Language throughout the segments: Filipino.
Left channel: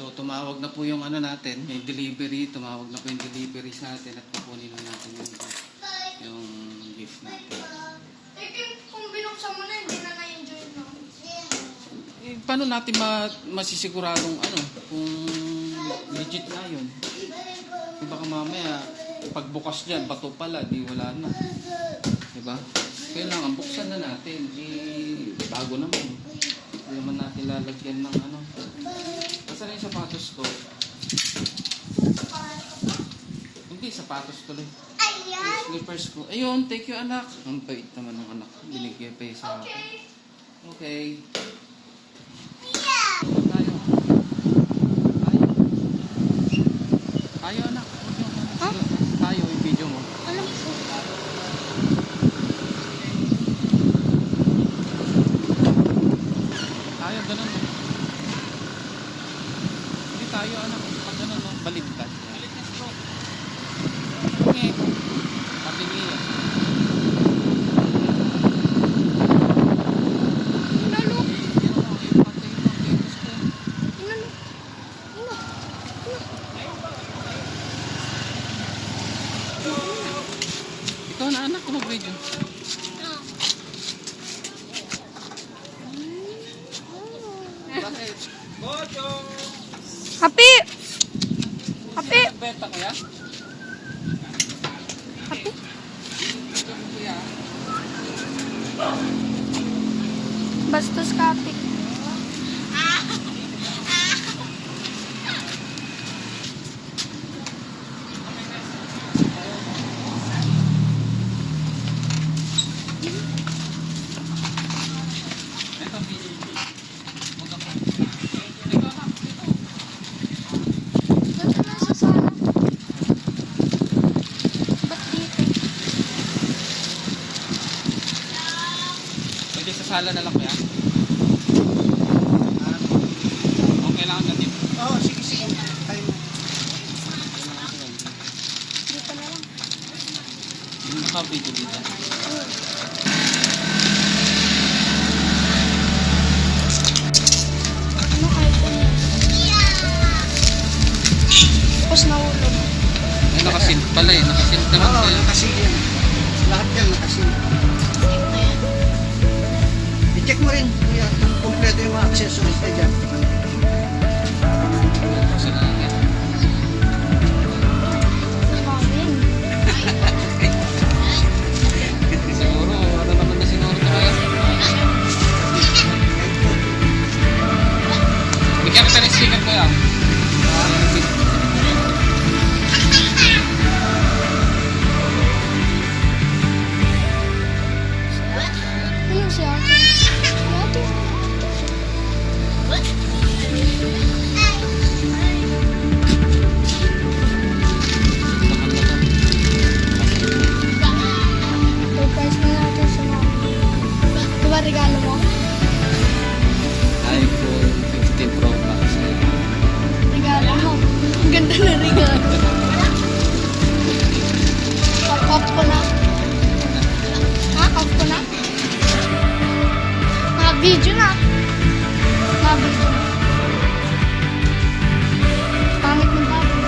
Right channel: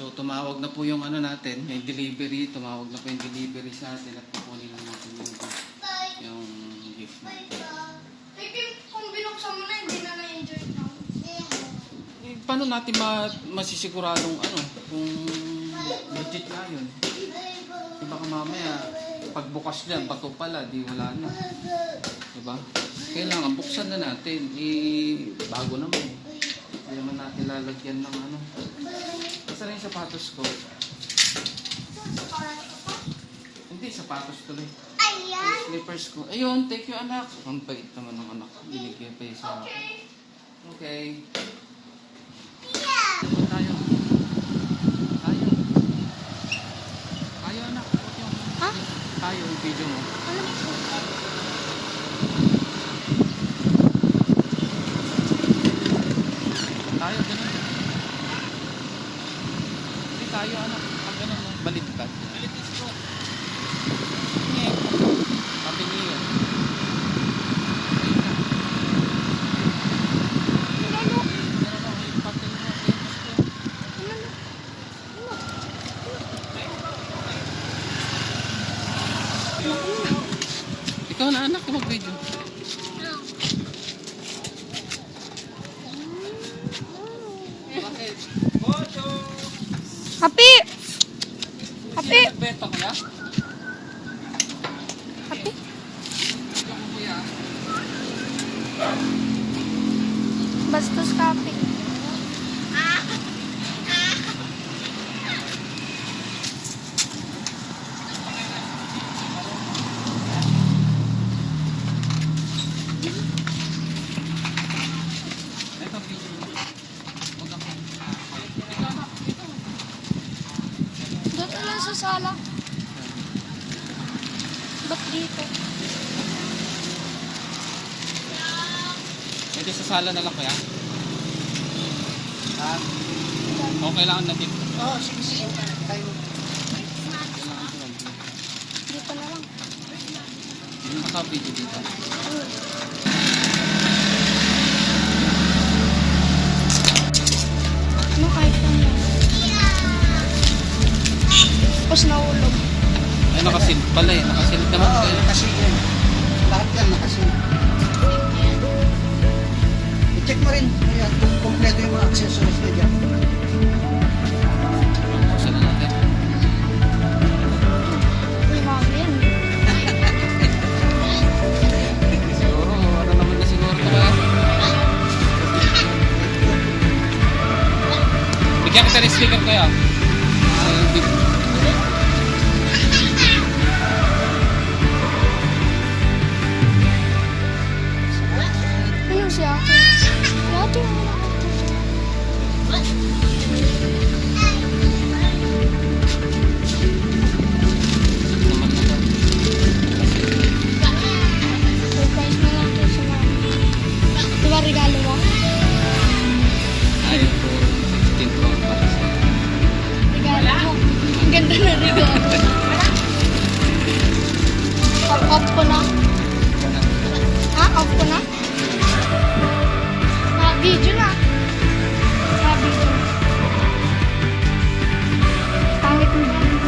So tumawag na po yung ano natin, yung delivery, tumawag na po yung delivery sa atin at kukunin na natin yung yung gift natin. Kung binuksan mo na, hindi na na-enjoy mo. Paano natin ma masisiguradong ano, kung legit nga yun? Eh, baka mamaya, pagbukas dyan, bato pala, di wala na. Diba? Kailangan buksan na natin. Eh, bago naman. Hindi naman natin lalagyan ng ano. Basta na yung sapatos ko. Hindi, sapatos tuloy. Yung slippers ko. Ayun, thank you anak. Ang bait naman ng anak. Binigay pa yung sa akin. Okay. Tayo. Tayo. Tayo anak. Ha? Tayo, yung video mo. Alam ko. Tayo, ganun. Hindi tayo anak. Baligtad. Tabi niyo. Ikaw na anak ko mag-video. Happy! Beto kaya? Happy? Kuya. Bastos ka, Happy. Ito video. Huwag ako. Ito anak, ito. Doon ka lang sa sala. Ba't dito? Pwede sa sala na lang kuya? Okay lang natin. Oo, sige, sige. Tayo. Dito na lang. Yung naka-video dito. Mm. Ano iPhone yan? Tapos nahulog. Eh, nakasil pala eh. Nakasil naman Oo, kayo. nakasil yan. Lahat yan nakasil. I-check mo rin kuya, kung kompleto yung mga accessories na dyan. Yan. Siguro, ano naman na siguro ito kaya? Bigyan kita ng sticker kuya. Ah, big- Ayun si Na regalo. Off, ko na. Ha? Off ko na? Naka-video na. Naka-video na. Pangit ng daddy.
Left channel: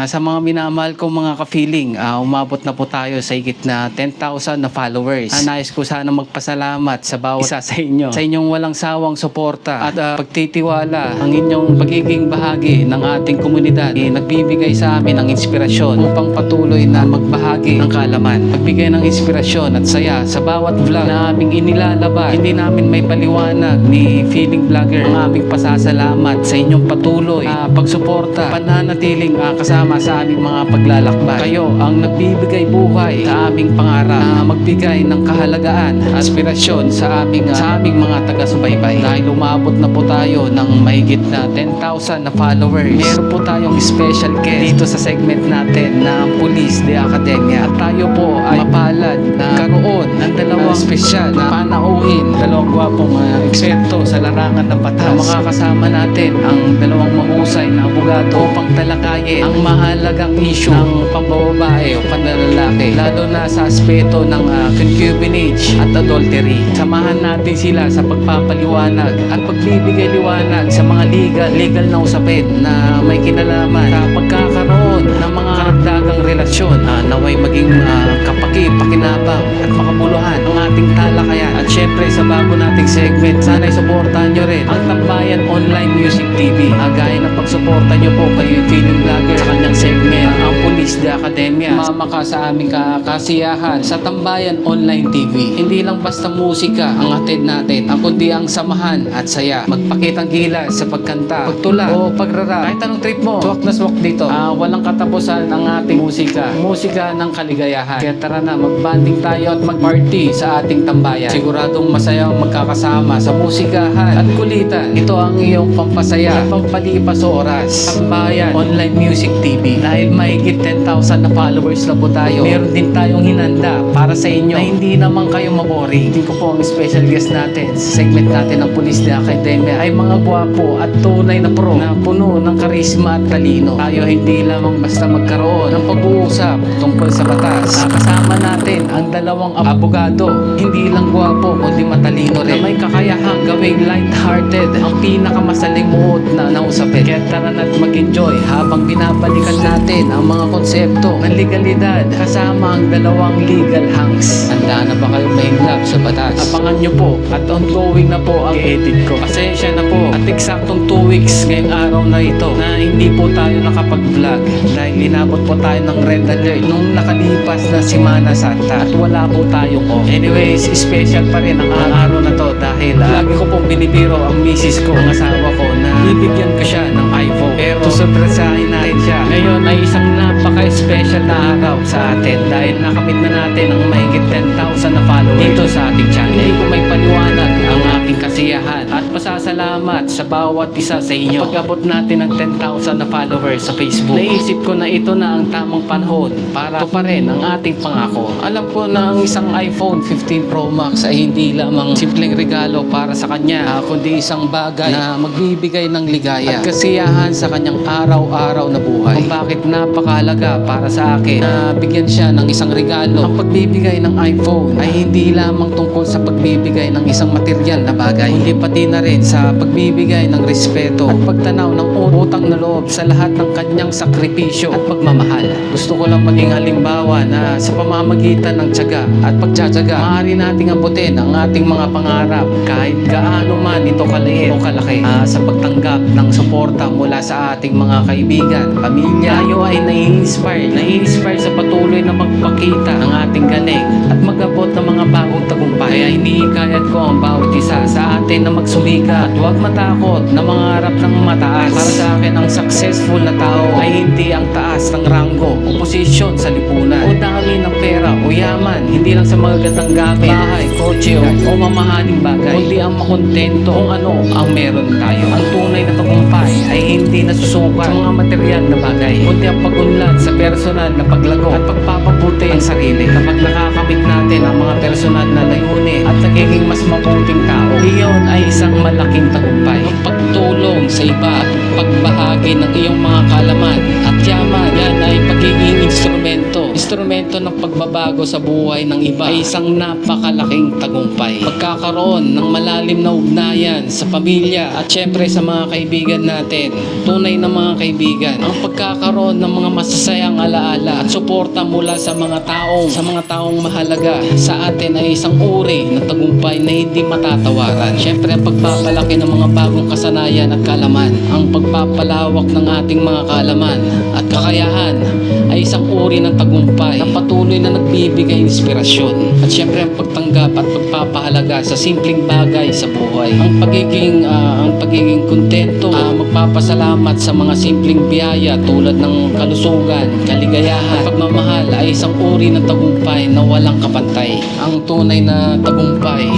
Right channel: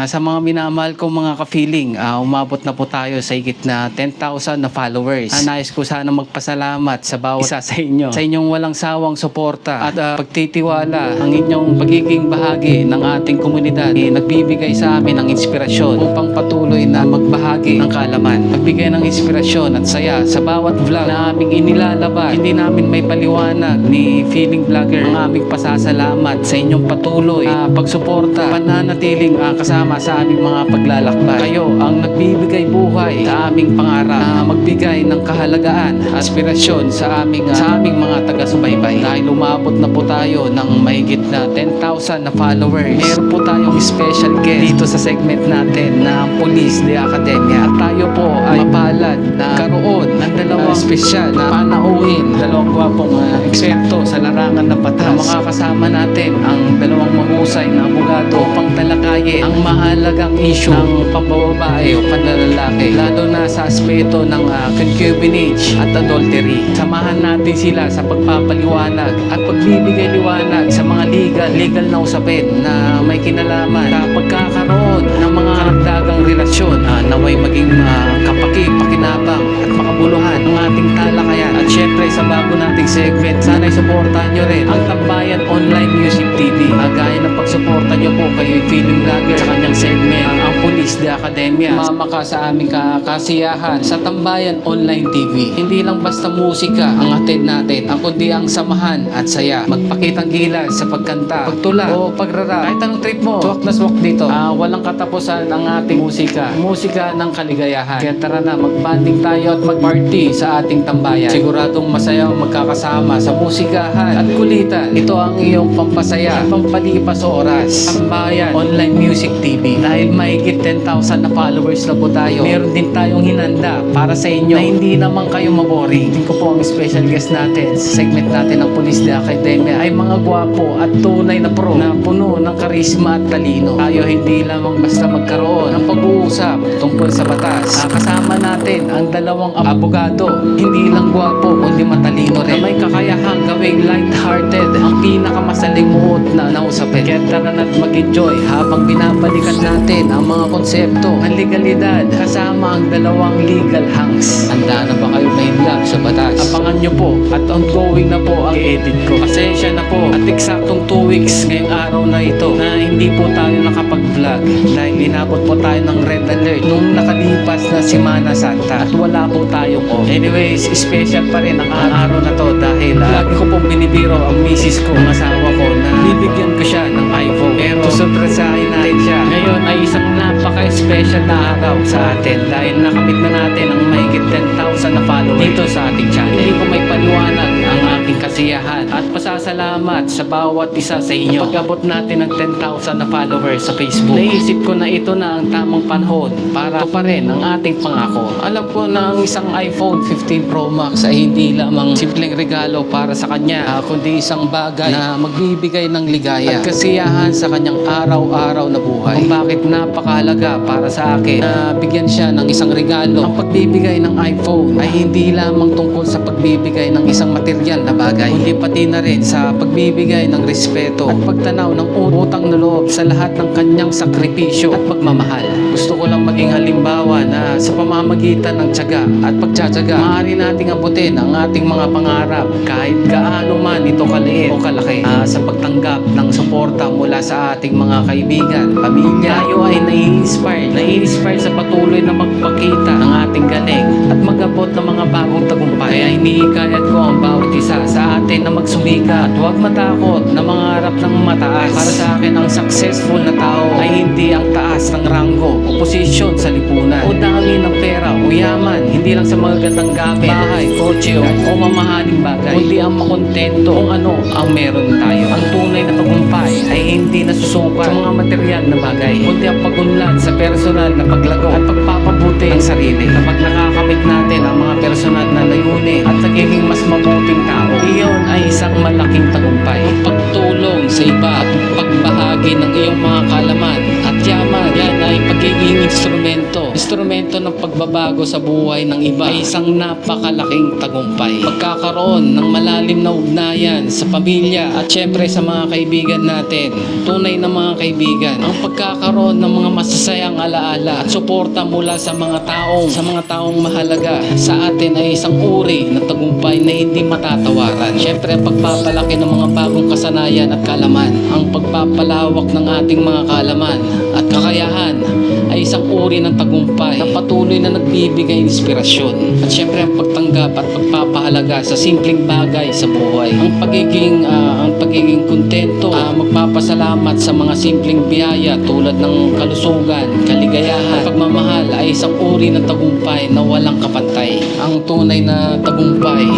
Ah, sa mga minamahal kong mga ka-feeling, ah, umabot na po tayo sa higit na 10,000 na followers. Ah, nais ko sana magpasalamat sa bawat isa sa inyo. Sa inyong walang sawang suporta at ah, pagtitiwala ang inyong pagiging bahagi ng ating komunidad. Eh, nagbibigay sa amin ng inspirasyon upang patuloy na magbahagi ng kalaman. Magbigay ng inspirasyon at saya sa bawat vlog na aming inilalabas. Hindi namin may paliwanag ni Feeling Vlogger ang aming pasasalamat sa inyong patuloy na pagsuporta, pananatiling ah, kasama kasama sa aming mga paglalakbay. Kayo ang nagbibigay buhay sa aming pangarap na magbigay ng kahalagaan, aspirasyon sa aming ah, sa aming mga taga-subaybay. Dahil umabot na po tayo ng mahigit na 10,000 na followers. Meron po tayong special guest dito sa segment natin na ang Police de Academia. At tayo po ay mapalad na karoon ng dalawang special na panauhin, dalawang gwapong ah, eksperto sa larangan ng batas. Na makakasama natin ang dalawang mahusay na abogado upang talakayin ang mahalagang issue ng pambababae o panlalaki lalo na sa aspeto ng ah, concubinage at adultery. Samahan natin sila sa pagpapaliwanag at pagbibigay liwanag sa mga legal legal na usapin na may kinalaman sa pagkakaroon ng mga karagdagang relasyon na naway maging ah, kapaki, pakinabang at makabuluhan ng ating talakayan. At syempre sa bago nating segment, sana'y suportahan nyo rin ang Tambayan Online Music TV. Ah, gaya ng pagsuporta nyo po kay film vlogger sa kanyang segment, ah, ang Police de Academia. Mama ka sa aming ka- kasiyahan sa Tambayan Online TV. Hindi lang basta musika ang atid natin, ang kundi ang samahan at saya. Magpakitang gilas sa pagkanta, pagtula o pagrara. Kahit anong trip mo, swak na swak dito. Ah, walang katapusan ang ating musika. Musika ng kaligayahan. Kaya tara na, magbanding tayo at magparty sa ating tambayan. Siguradong masaya ang magkakasama sa musikahan at kulitan. Ito ang iyong pampasaya at pampalipas oras. Tambayan Online Music TV. Dahil mahigit 10,000 na followers na po tayo, meron din tayong hinanda para sa inyo na hindi naman kayo maboring. Tingin ko po ang special guest natin sa segment natin ng Police de Academia ay mga gwapo at tunay na pro na puno ng karisma at talino. Tayo hindi lamang basta magkaroon ng pag-uusap tungkol sa batas. Ah, kasama natin ang dalawang ab- abogado, hindi lang gwapo kundi matalino rin. Na may kakayahang gawing light-hearted ang pinakamasaling muot na nausapin. Kaya tara na't mag-enjoy habang binabalikan natin ang mga konsepto ng legalidad kasama ang dalawang legal hangs. Handa na ba kayo mahimlap sa batas? Abangan nyo po at ongoing na po ang i-edit ko. Pasensya na po at eksaktong 2 weeks ngayong araw na ito na hindi po tayo nakapag-vlog dahil inabot po tayo ng red alert nung nakalipas na Semana Santa at wala po tayong off. Anyways, special pa rin ang araw na to dahil ah, lagi ko pong binibiro ang misis ko, ang asawa ko na bibigyan ko siya ng iPhone. Pero susurpresahin natin siya. Ngayon ay isang napaka-special na araw sa atin dahil nakamit na natin ang mahigit 10,000 na followers dito sa ating channel. Hindi ko may paliwanag ang aking kasiyahan at pasasalamat sa bawat isa sa inyo. Pag-abot natin ng 10,000 na followers sa Facebook, naisip ko na ito na ang tamang panahon para pa rin ang ating pangako. Alam ko na ang isang iPhone 15 Pro Max ay hindi lamang simpleng regalo para sa kanya, ah, kundi isang bagay na magbibigay ng ligaya at kasiyahan sa kanyang araw-araw na buhay. Kung bakit napakahalaga para sa akin na bigyan siya ng isang regalo. Ang pagbibigay ng iPhone ay hindi lamang tungkol sa pagbibigay ng isang material na bagay, kundi pati na rin sa pagbibigay ng respeto at pagtanaw ng utang na loob sa lahat ng kanyang sakripisyo at pagmamahal. Gusto ko lang maging halimbawa na sa pamamagitan ng tiyaga at pagtsatsaga, maaari nating abutin ang ating mga pangarap kahit gaano man ito kaliit o kalaki Ah, sa pagtanggap ng suporta mula sa ating mga kaibigan, pamilya. Tayo ay nai-inspire, nai-inspire sa patuloy na magpakita ng ating galing at mag-abot ng mga bagong tagumpay. Kaya hinihikayat ko ang bawat isa sa atin na magsumika at huwag matakot na mangarap ng mataas. Para sa akin, ang successful na tao ay hindi ang taas ng ranggo o posisyon sa lipunan o dami ng pera o yaman. Hindi lang sa mga gandang gamit, bahay, kotse o, o mamahaling bagay, kundi ang makontento kung ano ang meron tayo. Ang tunay na tagumpay ay hindi nasusukat sa mga material na bagay, kundi ang pagunlad sa personal na paglago at pagpapabuti ng sarili. Kapag nakakamit natin ang mga personal na layunin at nagiging mas mabuting tao, iyon ay isang malaking tagumpay. Ang pagtulong sa iba at pagbahagi ng iyong mga kalaman at yaman, yan ay pagiging instrumento. Instrumento ng pagbabago sa buhay ng iba ay isang napakalaking tagumpay. Pagkakaroon ng malalim na ugnayan sa pamilya at syempre sa mga kaibigan natin, tunay na mga kaibigan, ang pagkakaroon ng mga masasayang alaala at suporta mula sa mga taong sa mga taong mahalaga sa atin ay isang uri ng tagumpay na hindi matatawaran. Syempre ang pagpapalaki ng mga bagong kasanayan at kalaman, ang pagpapalawak ng ating mga kalaman at kakayahan ay isang uri ng tagumpay na patuloy na nagbibigay inspirasyon. At syempre ang pagtanggap at pagpapahalaga sa simpleng bagay sa buhay. Ang pagiging ah, ang pagiging kontento, ah, magpapasalamat sa mga simpleng biyaya tulad ng kalusugan, kaligayahan, at pagmamahal ay isang uri ng tagumpay na walang kapantay. Ang tunay na tagumpay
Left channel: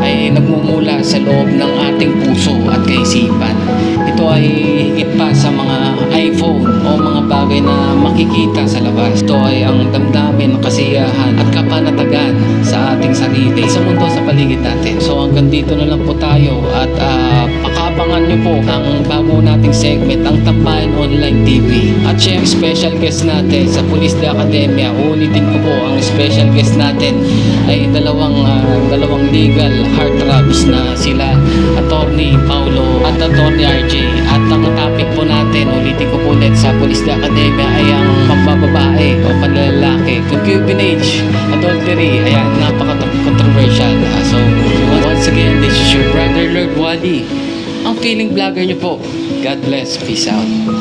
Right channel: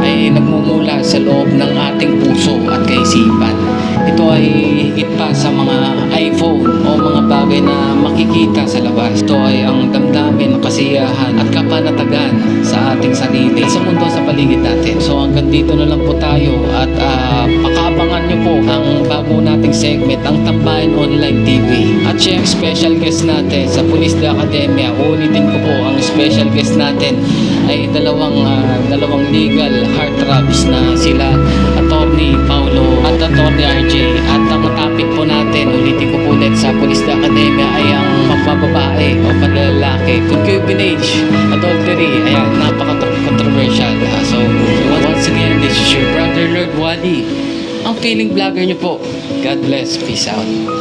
ay nagmumula sa loob ng ating puso at kaisipan. Ito ay pa sa mga iPhone o mga bagay na makikita sa labas. Ito ay ang damdamin kasiyahan at kapanatagan sa ating sarili at sa mundo sa paligid natin. So hanggang dito na lang po tayo at ah, pakaabangan nyo po ang bago nating segment, ang Tambayan Online TV. At syempre, special guest natin sa Police de Academia. Ulitin ko po, ang special guest natin ay dalawang ah, dalawang legal heartthrobs na sila Attorney Paulo at Attorney RJ. At ang topic po natin, ulitin ko po ulit sa Police de Academia ay ang pambababae o panlalaki, concubinage, adultery. Ayan, napaka-controversial. Ah, so, once again, this is your brother Lord Wally. Ang feeling vlogger nyo po. God bless. Peace out.